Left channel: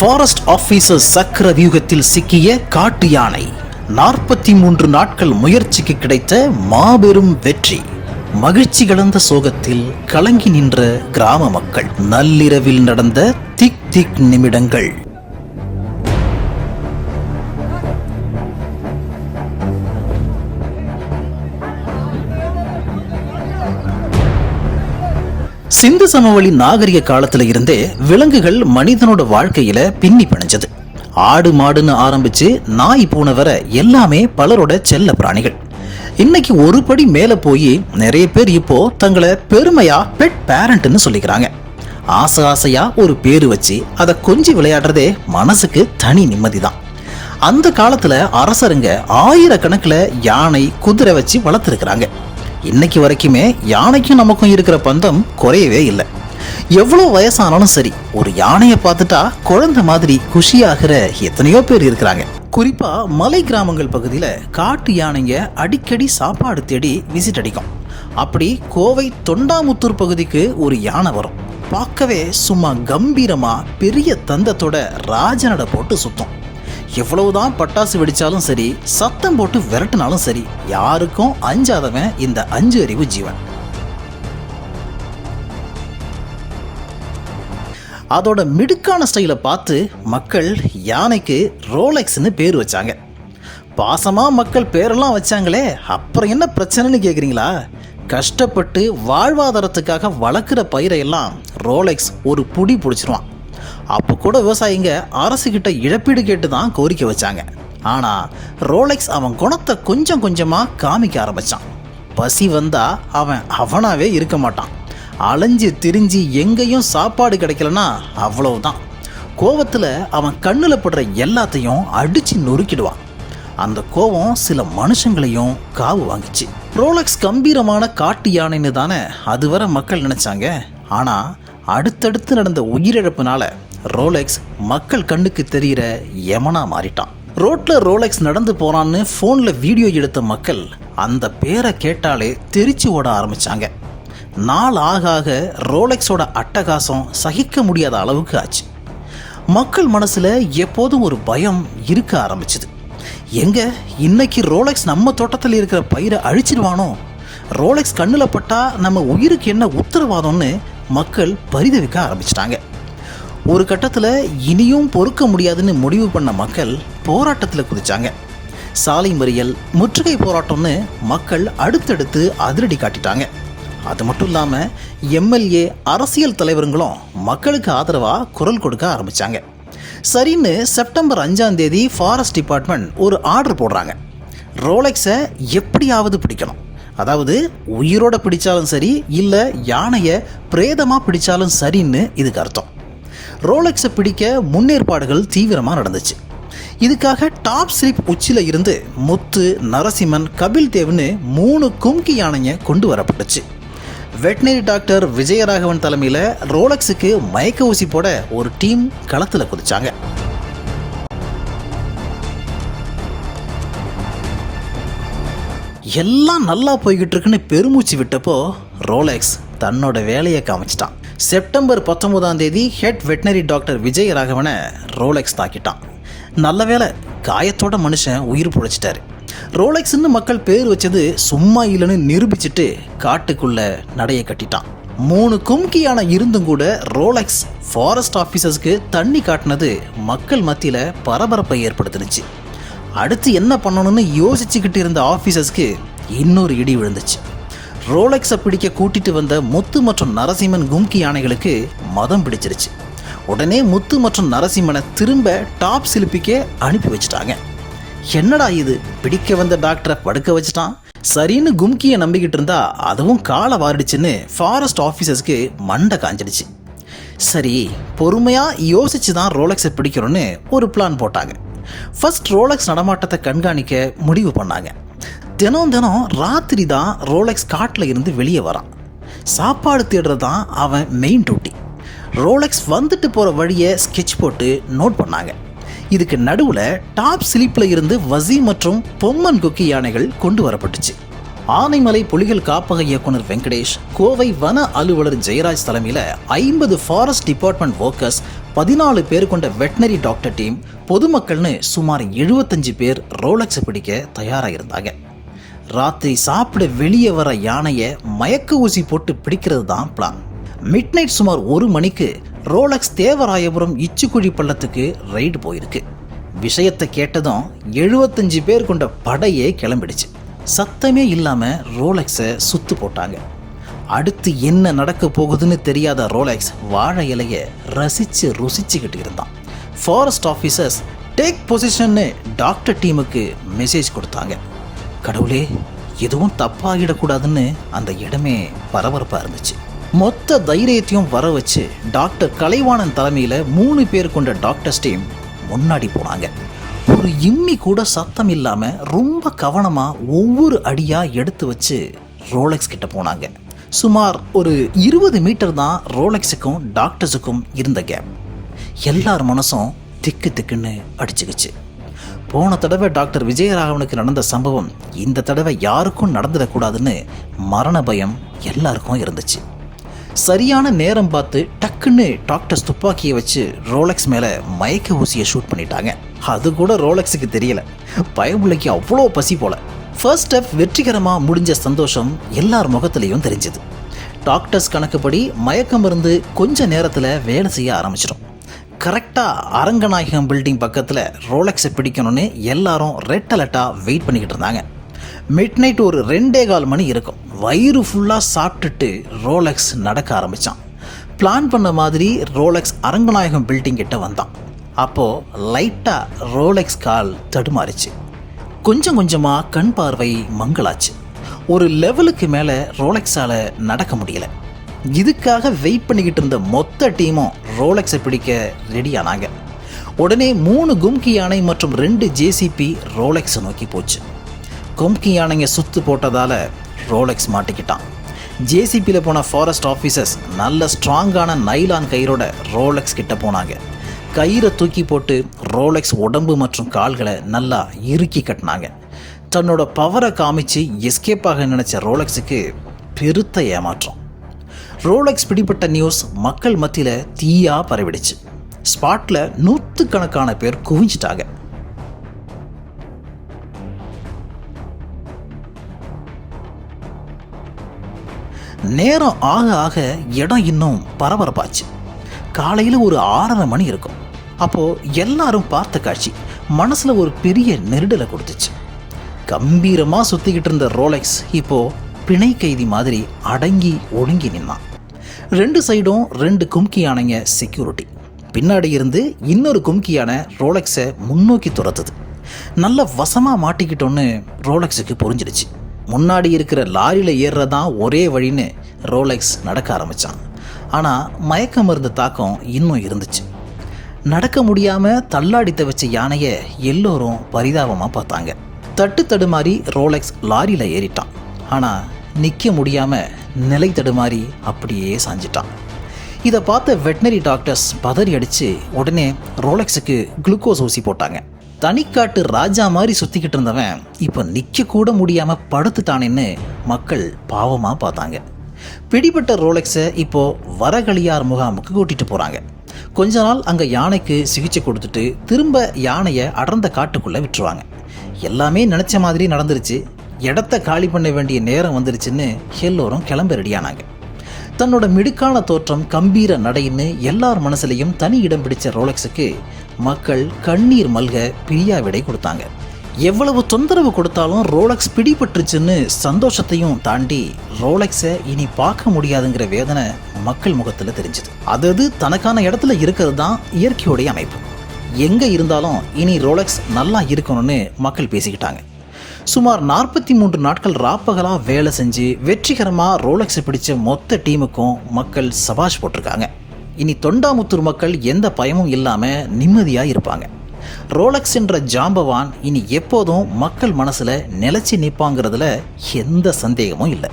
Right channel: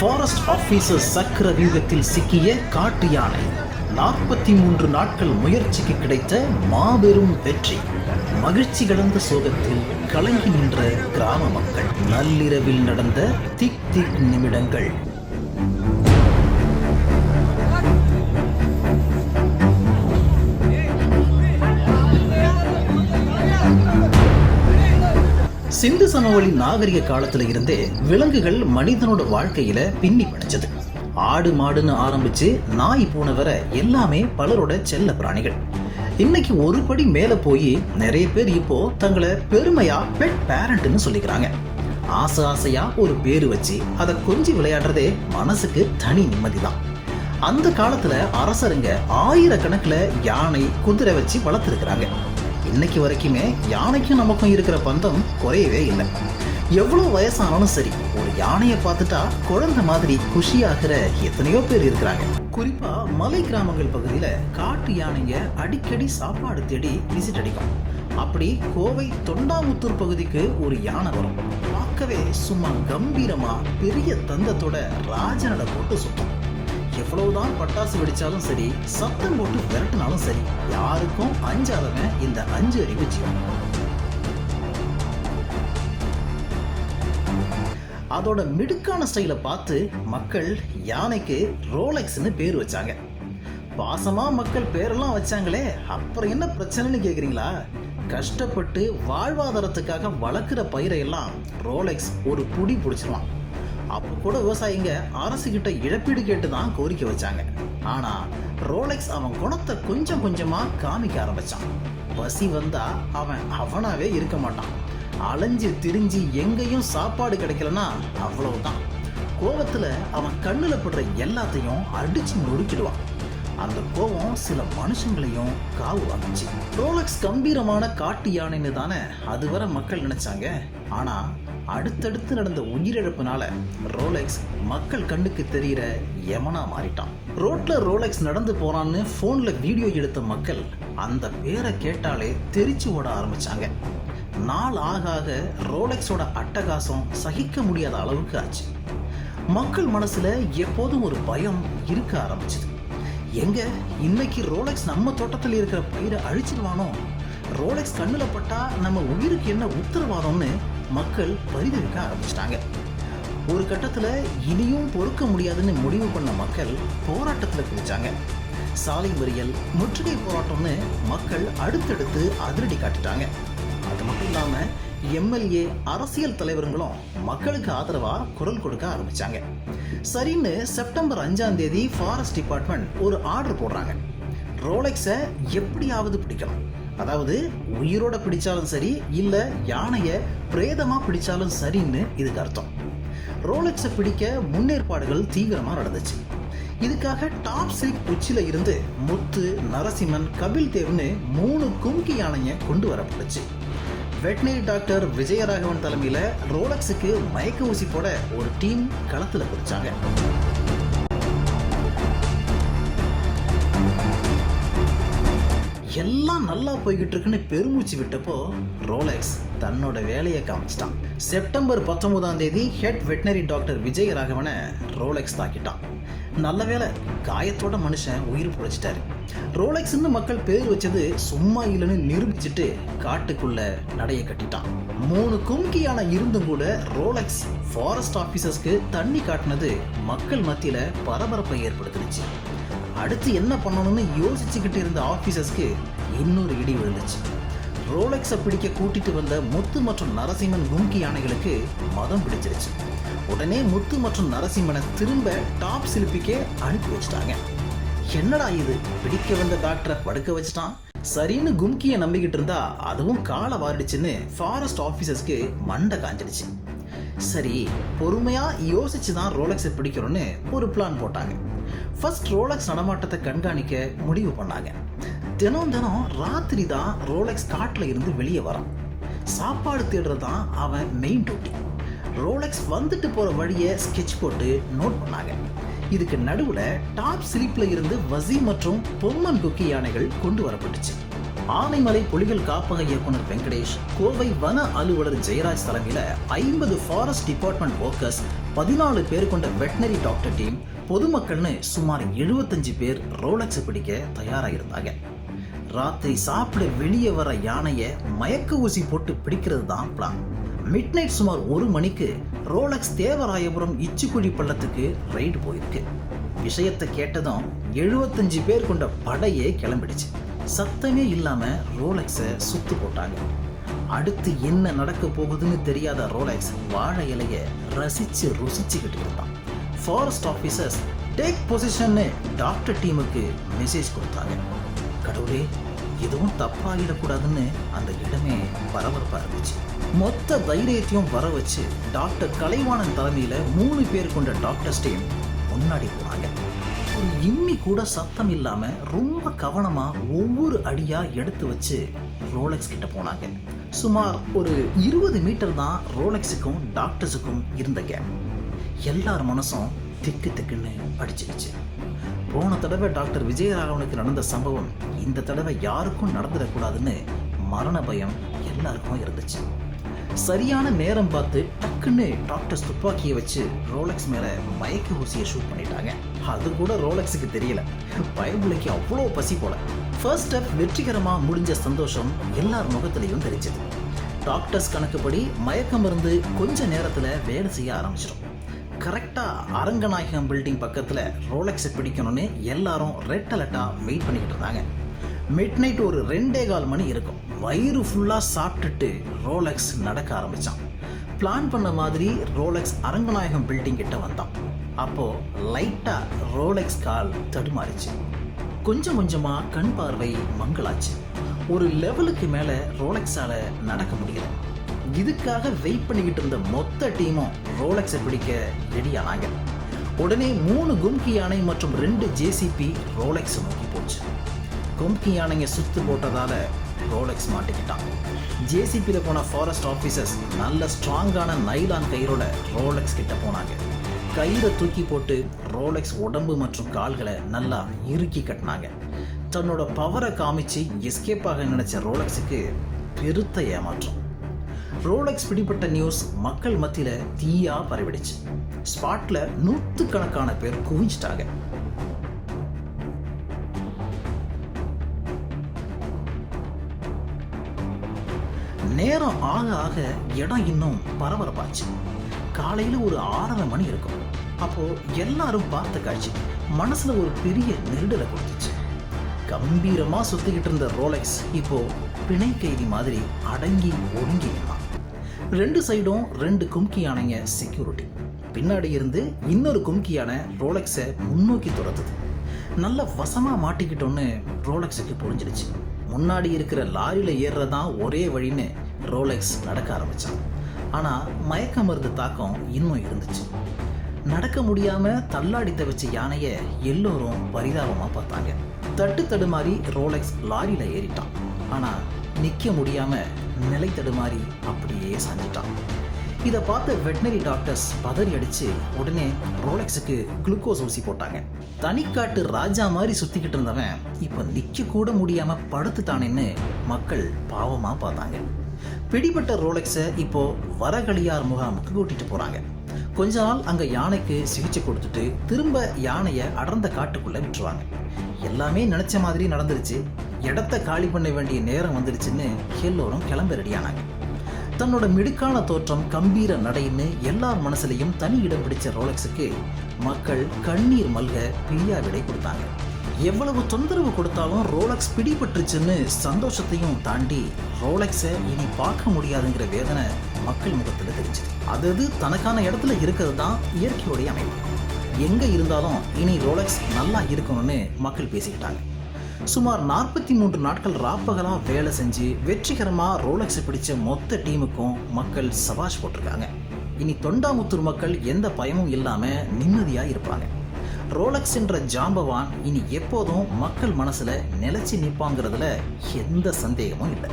Forest officer சக்கர வியூகத்தில் சிக்கிய காட்டு யானை 43 நாட்கள் முயற்சிக்கு கிடைத்த மாபெரும் வெற்றி. மகிழ்ச்சி கலந்த சோகத்தில் கலங்கி நின்ற கிராம மக்கள். நள்ளிரவில் நடந்த திக் திக் நிமிடங்கள். சிந்து சமவெளி நாகரிக காலத்துல இருந்தே விலங்குகள் மனிதனோட வாழ்க்கையில பின்னி பிணைஞ்சது. ஆடு மாடுன்னு ஆரம்பிச்சு நாய் பூனை வர எல்லாமே பலரோட செல்ல பிராணிகள். இன்னைக்கு ஒரு படி மேல போய் நிறைய பேர் இப்போ தங்களை பெருமையா பெட் பேரண்ட்னு சொல்லிக்கிறாங்க. ஆசை ஆசையா ஒரு பேரு வச்சு அதை கொஞ்சி விளையாடுறதே மனசுக்கு தனி நிம்மதிதான். அந்த காலத்துல அரசருங்க ஆயிரக்கணக்கில் யானை குதிரை வச்சு வளர்த்துருக்கிறாங்க. இன்னைக்கு வரைக்குமே யானைக்கும் நமக்கும் இருக்கிற பந்தம் குறையவே இல்லை. எவ்வளோ வயசானாலும் சரி, ஒரு யானையை பார்த்துட்டா குழந்தை மாதிரி குஷியாகிற எத்தனையோ பேர் இருக்கிறாங்க. குறிப்பா மலை கிராமங்கள் பகுதியில காட்டு யானைங்க அடிக்கடி சாப்பாடு தேடி விசிட் அடிக்கும். அப்படி கோவை தொண்டாமுத்தூர் பகுதிக்கு ஒரு யானை வரும். பார்க்கவே சும்மா கம்பீரமா பெரிய தந்தத்தோட ராஜநடை போட்டு சுத்தும். எவ்வளவுதான் பட்டாசு வெடிச்சாலும் சரி, சத்தம் போட்டு விரட்டினாலும் சரி, யாருக்கும் அஞ்சாதவன் இந்த 5 அறிவு ஜீவன். அதோட மிடுக்கான ஸ்டைலை பார்த்து மக்கள் யானைக்கு ரோலெக்ஸ்னு பேர் வச்சாங்க. பாசமா மக்கள் பேரெல்லாம் வச்சாங்களே, அப்புறம் என்ன பிரச்சனைன்னு கேட்குறீங்களா? கஷ்டப்பட்டு வாழ்வாதாரத்துக்காக வளர்க்குற பயிரையெல்லாம் ரோலெக்ஸ் ஒரு புடி பிடிச்சிருவான். அப்போ கூட விவசாயிங்க அரசுகிட்ட இழப்பீடு கேட்டு தான் கோரிக்கை வச்சாங்க. ஆனால் ரோலெக்ஸ் அவன் குணத்தை கொஞ்சம் கொஞ்சமாக காமிக்க ஆரம்பித்தான். பசி வந்தா அவன் அவனாவே இருக்க மாட்டான். அலைஞ்சு திரிஞ்சு எங்கேயும் சாப்பாடு கிடைக்கலன்னா அவ்வளவுதான். கோவத்தில் அவன் கண்ணில் படுற எல்லாத்தையும் அடித்து நொறுக்கிடுவான். அந்த கோவம் சில மனுஷங்களையும் காவு வாங்கிச்சு. ரோலெக்ஸ் கம்பீரமான காட்டு யானைன்னு தானே அதுவரை மக்கள் நினைச்சாங்க. ஆனால் அடுத்தடுத்து நடந்த உயிரிழப்புனால ரோலெக்ஸ் மக்கள் கண்ணுக்கு தெரிகிற யமனா மாறிட்டான். ரோட்ல ரோலெக்ஸ் நடந்து போறான்னு போன்ல வீடியோ எடுத்த மக்கள் அந்த பேரை கேட்டாலே தெரிச்சு ஓட ஆரம்பிச்சாங்க. நாள் ஆக ஆக ரோலெக்ஸோட அட்டகாசம் சகிக்க முடியாத அளவுக்கு ஆச்சு. மக்கள் மனசுல எப்போதும் ஒரு பயம் இருக்க ஆரம்பிச்சுது. எங்க இன்னைக்கு ரோலெக்ஸ் நம்ம தோட்டத்தில் இருக்கிற பயிரை அழிச்சிடுவானோ? ரோலெக்ஸ் கண்ணில் பட்டா நம்ம உயிருக்கு என்ன உத்தரவாதம்னு மக்கள் பரிதவிக்க ஆரம்பிச்சிட்டாங்க. ஒரு கட்டத்தில் இனியும் பொறுக்க முடியாதுன்னு முடிவு பண்ண மக்கள் போராட்டத்தில் குதிச்சாங்க. சாலை மறியல், முற்றுகை போராட்டம்னு மக்கள் அடுத்தடுத்து அதிரடி காட்டிட்டாங்க. அது மட்டும் இல்லாமல் எம்எல்ஏ, அரசியல் தலைவர்களும் மக்களுக்கு ஆதரவாக குரல் கொடுக்க ஆரம்பித்தாங்க. சரின்னு செப்டம்பர் 5ஆம் தேதி ஃபாரஸ்ட் டிபார்ட்மெண்ட் ஒரு ஆர்டர் போடுறாங்க. ரோலெக்ஸை எப்படியாவது பிடிக்கணும். அதாவது உயிரோட பிடிச்சாலும் சரி, இல்லை யானையை பிரேதமாக பிடிச்சாலும் சரின்னு இதுக்கு அர்த்தம். ரோலெக்ஸை பிடிக்க முன்னேற்பாடுகள் தீவிரமாக நடந்துச்சு. இதுக்காக டாப் ஸ்லிப் உச்சியில் இருந்து முத்து, நரசிம்மன், கபில் தேவ்னு 3 கும்கி யானையை கொண்டு வரப்பட்டுச்சு. வெட்டினரி டாக்டர் விஜயராகவன் தலைமையில் ரோலெக்ஸுக்கு மயக்க ஊசி போட ஒரு டீம் களத்தில் குதிச்சாங்க. எல்லாம் நல்லா போய்கிட்டு இருக்குன்னு பெருமூச்சு விட்டப்போ ரோலெக்ஸ் தன்னோட வேலையை காமிச்சிட்டான். செப்டம்பர் 19ஆம் தேதி ஹெட் வெட்டினரி டாக்டர் விஜயராகவனை ரோலெக்ஸ் தாக்கிட்டான். நல்ல வேலை, காயத்தோட மனுஷன் உயிர் பிழைச்சிட்டாரு. ரோலெக்ஸ்ன்னு மக்கள் பேர் வச்சது சும்மா இல்லைன்னு நிரூபிச்சுட்டு காட்டுக்குள்ள நடைய கட்டிட்டான். 3 கும்கியான இருந்தும் கூட ரோலெக்ஸ் ஃபாரஸ்ட் ஆஃபீஸர்ஸ்க்கு தண்ணி காட்டினது மக்கள் மத்தியில் பரபரப்பை ஏற்படுத்தினுச்சு. அடுத்து என்ன பண்ணணும்னு யோசிச்சுக்கிட்டு இருந்த ஆஃபீஸர்ஸ்க்கு இன்னொரு இடி விழுந்துச்சு. ரோலெக்ஸை பிடிக்க கூட்டிட்டு வந்த முத்து மற்றும் நரசிம்மன் கும்கி யானைகளுக்கு மதம் பிடிச்சிருச்சு. உடனே முத்து மற்றும் நரசிம்மனை திரும்ப டாப் சிலிப்பிக்கே அனுப்பி வச்சுட்டாங்க. என்னடா இது, பிடிக்க வந்த டாக்டரை படுக்க வச்சுட்டான். சரின்னு கும்கியை நம்பிக்கிட்டு இருந்தா அதுவும் காலை வாரிடுச்சுன்னு ஃபாரஸ்ட் ஆஃபீஸர்ஸ்க்கு மண்டை காஞ்சிடுச்சு. சரி, பொறுமையாக யோசிச்சு தான் ரோலெக்ஸை பிடிக்கிறோன்னு ஒரு பிளான் போட்டாங்க. ஃபர்ஸ்ட் ரோலெக்ஸ் நடமாட்டத்தை கண்காணிக்க முடிவு பண்ணாங்க. தினம் ராத்திரி தான் ரோலெக்ஸ் காட்டில் இருந்து வெளியே வரான். சாப்பாடு தேடுறது தான் அவன் மெயின் டியூட்டி. ரோலெக்ஸ் வந்துட்டு போகிற வழியை ஸ்கெட்ச் போட்டு நோட் பண்ணாங்க. இதுக்கு நடுவில் டாப் ஸ்லிப்பில் இருந்து வசி மற்றும் பொம்மன் குக்கி யானைகள் கொண்டு வரப்பட்டுச்சு. ஆனைமலை புலிகள் காப்பக இயக்குனர் வெங்கடேஷ், கோவை வன அலுவலர் ஜெயராஜ் தலைமையில் 50 ஃபாரஸ்ட் டிபார்ட்மெண்ட் ஒர்க்கர்ஸ், 14 பேர் கொண்ட வெட்டினரி டாக்டர் டீம், பொதுமக்கள்னு சுமார் 75 பேர் ரோலக்ஸ் பிடிக்க தயாராக இருந்தாங்க. ராத்திரி சாப்பிட வெளியே வர யானையை மயக்க ஊசி போட்டு பிடிக்கிறது தான் பிளான். மிட் நைட் சுமார் 1 மணிக்கு ரோலக்ஸ் தேவராயபுரம் இச்சுக்குழி பள்ளத்துக்கு ரைடு போயிருக்கு. விஷயத்தை கேட்டதும் 75 பேர் கொண்ட படையே கிளம்பிடுச்சு. சத்தமே இல்லாமல் ரோலக்ஸை சுத்து போட்டாங்க. அடுத்து என்ன நடக்க போகுதுன்னு தெரியாத ரோலக்ஸ் வாழை இலையை ரசித்து ருசிச்சுக்கிட்டு இருந்தான். ஃபாரஸ்ட் ஆஃபீஸர்ஸ் டேக் பொசிஷன்னு டாக்டர் டீமுக்கு மெசேஜ் கொடுத்தாங்க. கடவுளே, எதுவும் தப்பாகிடக்கூடாதுன்னு அந்த இடமே பரபரப்பாக இருந்துச்சு. மொத்த தைரியத்தையும் வர வச்சு டாக்டர் கலைவாணன் தலைமையில் 3 பேர் கொண்ட டாக்டர்ஸ் டீம் முன்னாடி போனாங்க. ஒரு இம்மி கூட சத்தம் இல்லாமல் ரொம்ப கவனமாக ஒவ்வொரு அடியாக எடுத்து வச்சு ரோலக்ஸ் கிட்ட போனாங்க. சுமார் ஒரு 20 மீட்டர் தான் ரோலக்ஸுக்கும் டாக்டர்ஸுக்கும் இருந்த கேப். எல்லார் மனசும் திக்கு திக்குன்னு அடிச்சுக்கிச்சு. போன தடவை டாக்டர் விஜயராகவனுக்கு நடந்த சம்பவம் இந்த தடவை யாருக்கும் நடந்துடக்கூடாதுன்னு மரண பயம் எல்லாருக்கும் இருந்துச்சு. சரியான நேரம் பார்த்து டக்குன்னு டாக்டர்ஸ் துப்பாக்கியை வச்சு ரோலக்ஸ் மேலே மயக்க ஊசியை ஷூட் பண்ணிட்டாங்க. அது கூட ரோலக்ஸுக்கு தெரியல. பயபுள்ளைக்கு அவ்வளோ பசி போல. ஃபர்ஸ்ட் ஸ்டெப் வெற்றிகரமாக முடிஞ்ச சந்தோஷம் எல்லார் முகத்திலையும் தெரிஞ்சுது. டாக்டர்ஸ் கணக்குப்படி மயக்கம் இருந்து கொஞ்ச நேரத்தில் வேலை செய்ய ஆரம்பிச்சிடும். கரெக்டாக அரங்கநாயகம் பில்டிங் பக்கத்தில் ரோலக்ஸை பிடிக்கணும்னு எல்லாரும் ரெட் அலர்ட்டாக வெயிட் பண்ணிக்கிட்டு இருந்தாங்க. மிட் நைட் ஒரு 2:15 மணி இருக்கும். வயிறு ஃபுல்லாக சாப்பிட்டுட்டு ரோலக்ஸ் நடக்க ஆரம்பித்தான். பிளான் பண்ண மாதிரி ரோலக்ஸ் அரங்கநாயகம் பில்டிங் கிட்ட வந்தான். அப்போது லைட்டாக ரோலக்ஸ் கால் தடுமாறிச்சு. கொஞ்சம் கொஞ்சமாக கண் பார்வை மங்களாச்சு. ஒரு லெவலுக்கு மேலே ரோலக்ஸால் நடக்க முடியல. இதுக்காக வெயிட் பண்ணிக்கிட்டு இருந்த மொத்த டீமும் ரோலக்ஸை பிடிக்க ரெடியானாங்க. உடனே 3 கும்கி யானை மற்றும் 2 ஜேசிபி ரோலக்ஸை நோக்கி போச்சு. கும்கி யானைங்க சுத்து போட்டதால் ரோலக்ஸ் மாட்டிக்கிட்டான். ஜேசிபியில் போன ஃபாரஸ்ட் ஆஃபீஸர்ஸ் நல்ல ஸ்ட்ராங்கான நைலான் கயிறோட ரோலக்ஸ் கிட்ட போனாங்க. கயிறை தூக்கி போட்டு ரோலக்ஸ் உடம்பு மற்றும் கால்களை நல்லா இறுக்கி கட்டினாங்க. தன்னோட பவரை காமிச்சு எஸ்கேப் ஆக நினைச்ச ரோலக்ஸுக்கு பெருத்த ஏமாற்றம். ரோலக்ஸ் பிடிப்பட்ட நியூஸ் மக்கள் மத்தியில் தீயா பரவிடுச்சு. ஸ்பாட்டில் 100கணக்கான பேர் குவிஞ்சிட்டாங்க. நேரம் ஆக ஆக இடம் இன்னும் பரபரப்பாச்சு. காலையில் ஒரு 6:30 மணி இருக்கும். அப்போது எல்லாரும் பார்த்த காட்சி மனசில் ஒரு பெரிய நெருடலை கொடுத்துச்சு. கம்பீரமாக சுற்றிக்கிட்டு இருந்த ரோலக்ஸ் இப்போது பிணை கைதி மாதிரி அடங்கி ஒடுங்கி நின்னான். 2 சைடும் 2 கும்கி யானைங்க செக்யூரிட்டி. பின்னாடி இருந்து இன்னொரு கும்கி யானை ரோலக்ஸை முன்னோக்கி துரத்துது. நல்ல வசமாக மாட்டிக்கிட்டோன்னு ரோலக்ஸுக்கு புரிஞ்சிடுச்சு. முன்னாடி இருக்கிற லாரியில் ஏறுறதான் ஒரே வழின்னு ரோலக்ஸ் நடக்க ஆரம்பித்தான். ஆனால் மயக்க மருந்து தாக்கம் இன்னும் இருந்துச்சு. நடக்க முடியாமல் தள்ளாடி தவிச்ச யானையை எல்லோரும் பரிதாபமாக பார்த்தாங்க. தட்டு தடுமாறி ரோலக்ஸ் லாரியில் ஏறிட்டான். ஆனால் நிற்க முடியாமல் நிலை தடுமாறி அப்படியே சாஞ்சிட்டான். இதை பார்த்த வெட்டினரி டாக்டர்ஸ் பதறி அடித்து உடனே ரோலக்ஸுக்கு குளுக்கோஸ் ஊசி போட்டாங்க. தனிக்காட்டு ராஜா மாதிரி சுற்றிக்கிட்டு இருந்தவன் இப்போ நிற்க கூட முடியாமல் படுத்துட்டானேன்னு மக்கள் பாவமாக பார்த்தாங்க. பிடிபட்ட ரோலக்ஸை இப்போது வரகளியார் முகாமுக்கு கூட்டிகிட்டு போகிறாங்க. கொஞ்ச நாள் அங்கே யானைக்கு சிகிச்சை கொடுத்துட்டு திரும்ப யானையை அடர்ந்த காட்டுக்குள்ளே விட்டுருவாங்க. எல்லாமே நினச்ச மாதிரி நடந்துருச்சு. இடத்த காலி பண்ண வேண்டிய நேரம் வந்துருச்சுன்னு எல்லோரும் கிளம்ப ரெடியானாங்க. தன்னோட மிடுக்கான தோற்றம், கம்பீர நடைன்னு எல்லார் மனசுலையும் தனி இடம் பிடிச்ச ரோலக்ஸுக்கு மக்கள் கண்ணீர் மல்க பிரியா விடை கொடுத்தாங்க. எவ்வளவு தொந்தரவு கொடுத்தாலும் ரோலக்ஸ் பிடிபட்டுருச்சுன்னு சந்தோஷத்தையும் தாண்டி ரோலக்ஸை இனி பார்க்க முடியாதுங்கிற வேதனை மக்கள் முகத்தில் தெரிஞ்சுது. அது தனக்கான இடத்துல இருக்கிறது தான் இயற்கையோடைய அமைப்பு. எங்கே இருந்தாலும் இனி ரோலக்ஸ் நல்லா இருக்கணும்னு மக்கள் பேசிக்கிட்டாங்க. சுமார் 43 நாட்கள் ராப்பகலாக வேலை செஞ்சு வெற்றிகரமாக ரோலக்ஸை பிடிச்ச மொத்த டீமுக்கும் மக்கள் சபாஷ் போட்டிருக்காங்க. இனி தொண்டாமுத்தூர் மக்கள் எந்த பயமும் இல்லாமல் நிம்மதியாக இருப்பாங்க. ரோலக்ஸ் என்ற ஜாம்பவான் இனி எப்போதும் மக்கள் மனசில் நிலைச்சி நிற்பாங்கிறதுல எந்த சந்தேகமும் இல்லை.